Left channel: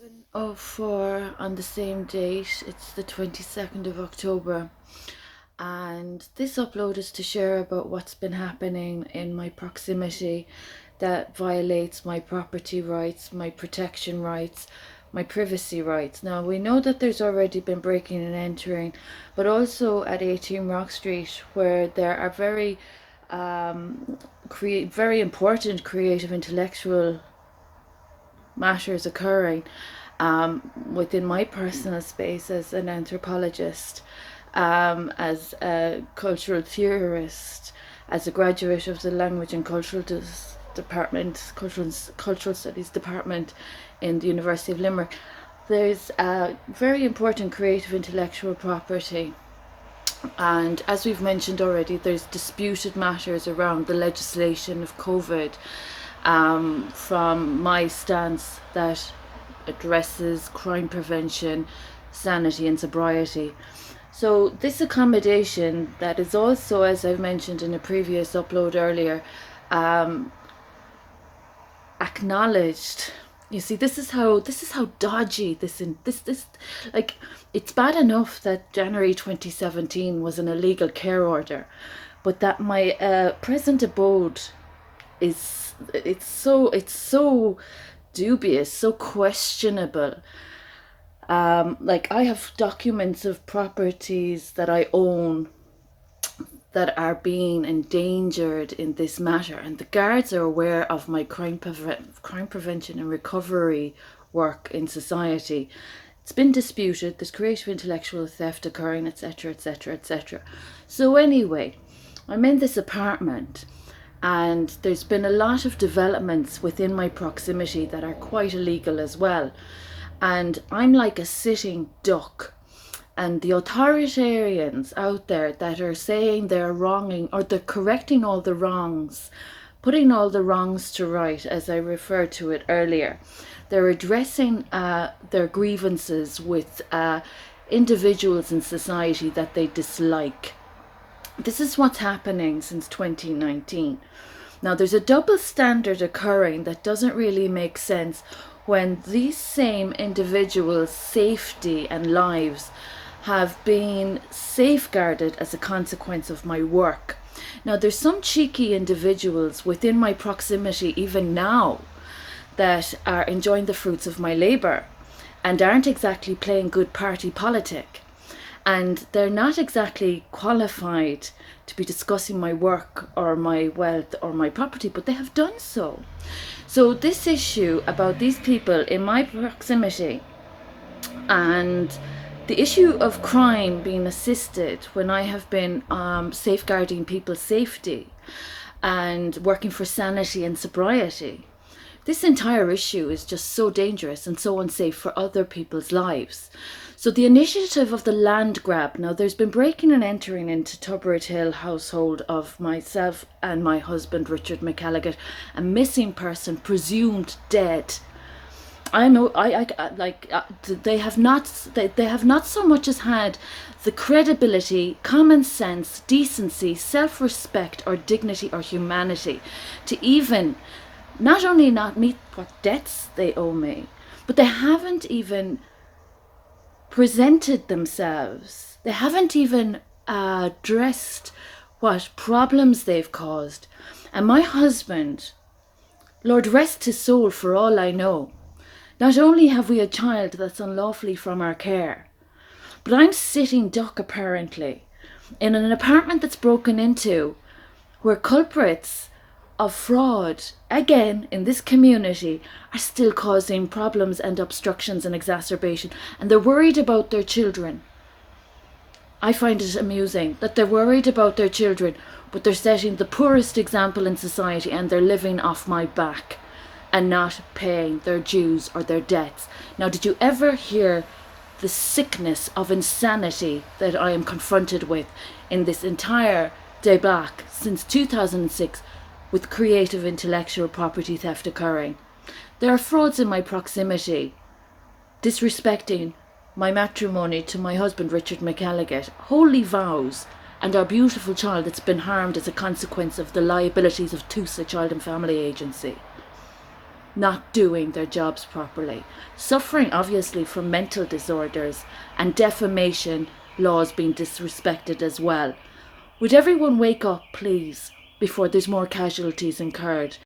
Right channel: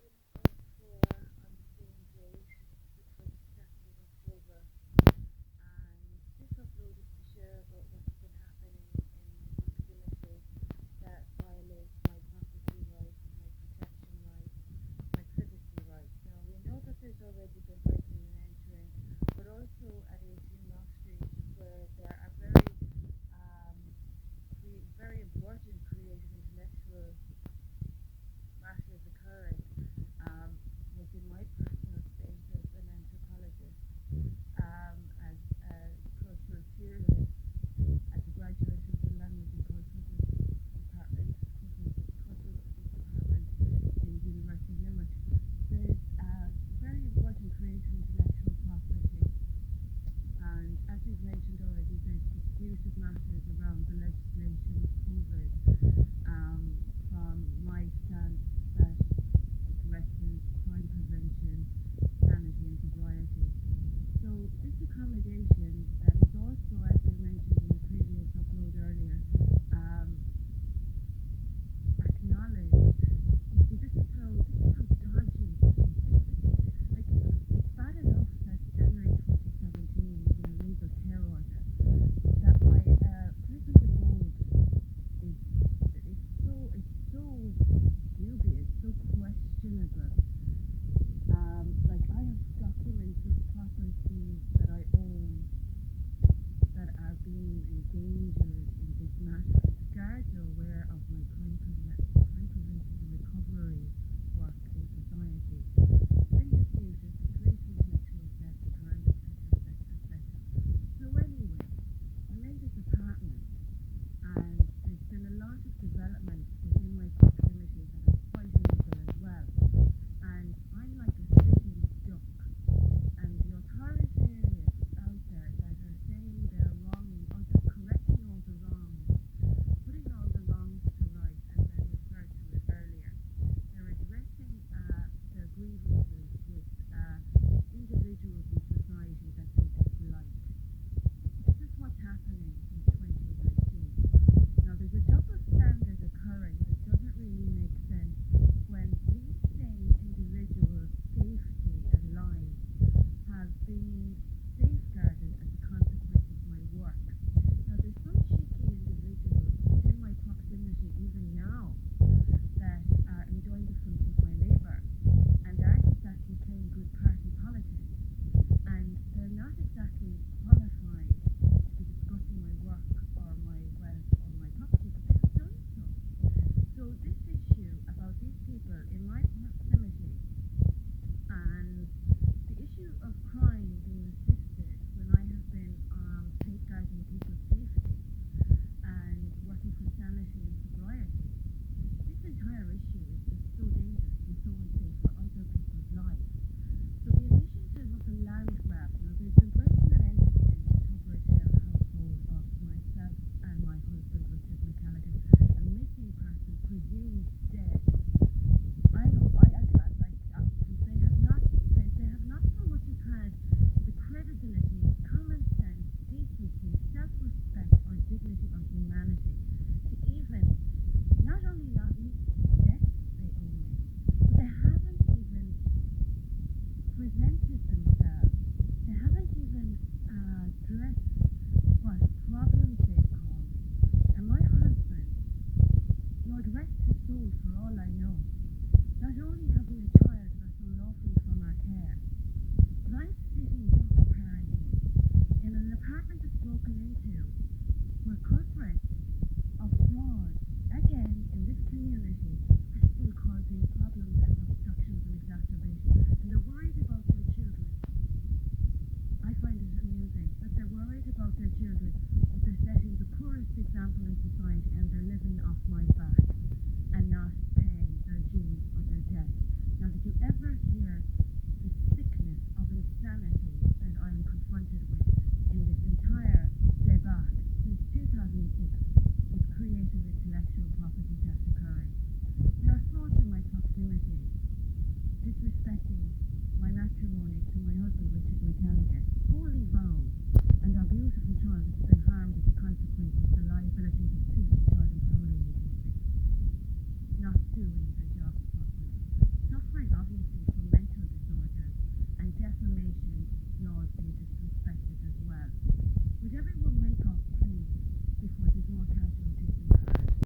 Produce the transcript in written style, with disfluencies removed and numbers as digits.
11:04 on the same date. It's the 22nd of October, and this upload is to share about what's been happening in my proximity that violates my property rights, my protection rights, my privacy rights. Now, we know that there's already been breaking and entering, but also at 18 Rock Street, where there are very important creative intellectual matters occurring within my personal space as an anthropologist, as a cultural theorist, as a graduate of the Language and Department, Cultural Studies Department in the University of Limerick. There's very important creative intellectual property. And as we've mentioned already, there's disputed matters around the legislation of COVID, from my stance that addresses crime prevention, sanity and sobriety. So this accommodation that is also, as I've mentioned in a previous upload earlier, acknowledged. You see, this is how dodgy this like, it's bad enough that January 2017 was an illegal care order, but that my present abode is it's so dubious, so questionable. Like, I have documents of properties that I own that are being endangered in this matter, and the guards are aware of my crime prevention and recovery work in society. It's been disputed, there's creative intellectual theft occurring, etc, etc, etc. So anyway, I'm in this apartment, and there's been a lot of developments within my proximity that are quite illegal as well, and I'm like a sitting duck. And the authoritarians out there that are saying they're wronging, or they're correcting all the wrongs, putting all the wrongs to right, as I referred to it earlier, they're addressing their grievances with individuals in society that they dislike. This is what's happening since 2019. Now, there's a double standard occurring that doesn't really make sense when these same individuals' safety and lives have been safeguarded as a consequence of my work. Now, there's some cheeky individuals within my proximity even now that are enjoying the fruits of my labour and aren't exactly playing good party politic, and they're not exactly qualified to be discussing my work or my wealth or my property, but they have done so. So this issue about these people in my proximity, and the issue of crime being assisted when I have been safeguarding people's safety and working for sanity and sobriety, this entire issue is just so dangerous and so unsafe for other people's lives. So the initiative of the Landgrab, now there's been breaking and entering into Tubberett Hill household of myself and my husband Richard McElligott, a missing person presumed dead. I know, they have not so much as had the credibility, common sense, decency, self-respect or dignity or humanity to even not only not meet what debts they owe me, but they haven't even presented themselves. They haven't even addressed what problems they've caused. And my husband, Lord rest his soul for all I know, not only have we a child that's unlawfully from our care, but I'm sitting duck apparently in an apartment that's broken into, where culprits of fraud, again in this community, are still causing problems and obstructions and exacerbation, and they're worried about their children. I find it amusing that they're worried about their children, but they're setting the poorest example in society, and they're living off my back and not paying their dues or their debts. Now, did you ever hear the sickness of insanity that I am confronted with in this entire debacle since 2006 with creative intellectual property theft occurring? There are frauds in my proximity, disrespecting my matrimony to my husband Richard McElligott, holy vows, and our beautiful child that's been harmed as a consequence of the liabilities of TUSA Child and Family Agency. not doing their jobs properly, suffering obviously from mental disorders, and defamation laws being disrespected as well. Would everyone wake up, please, before there's more casualties incurred?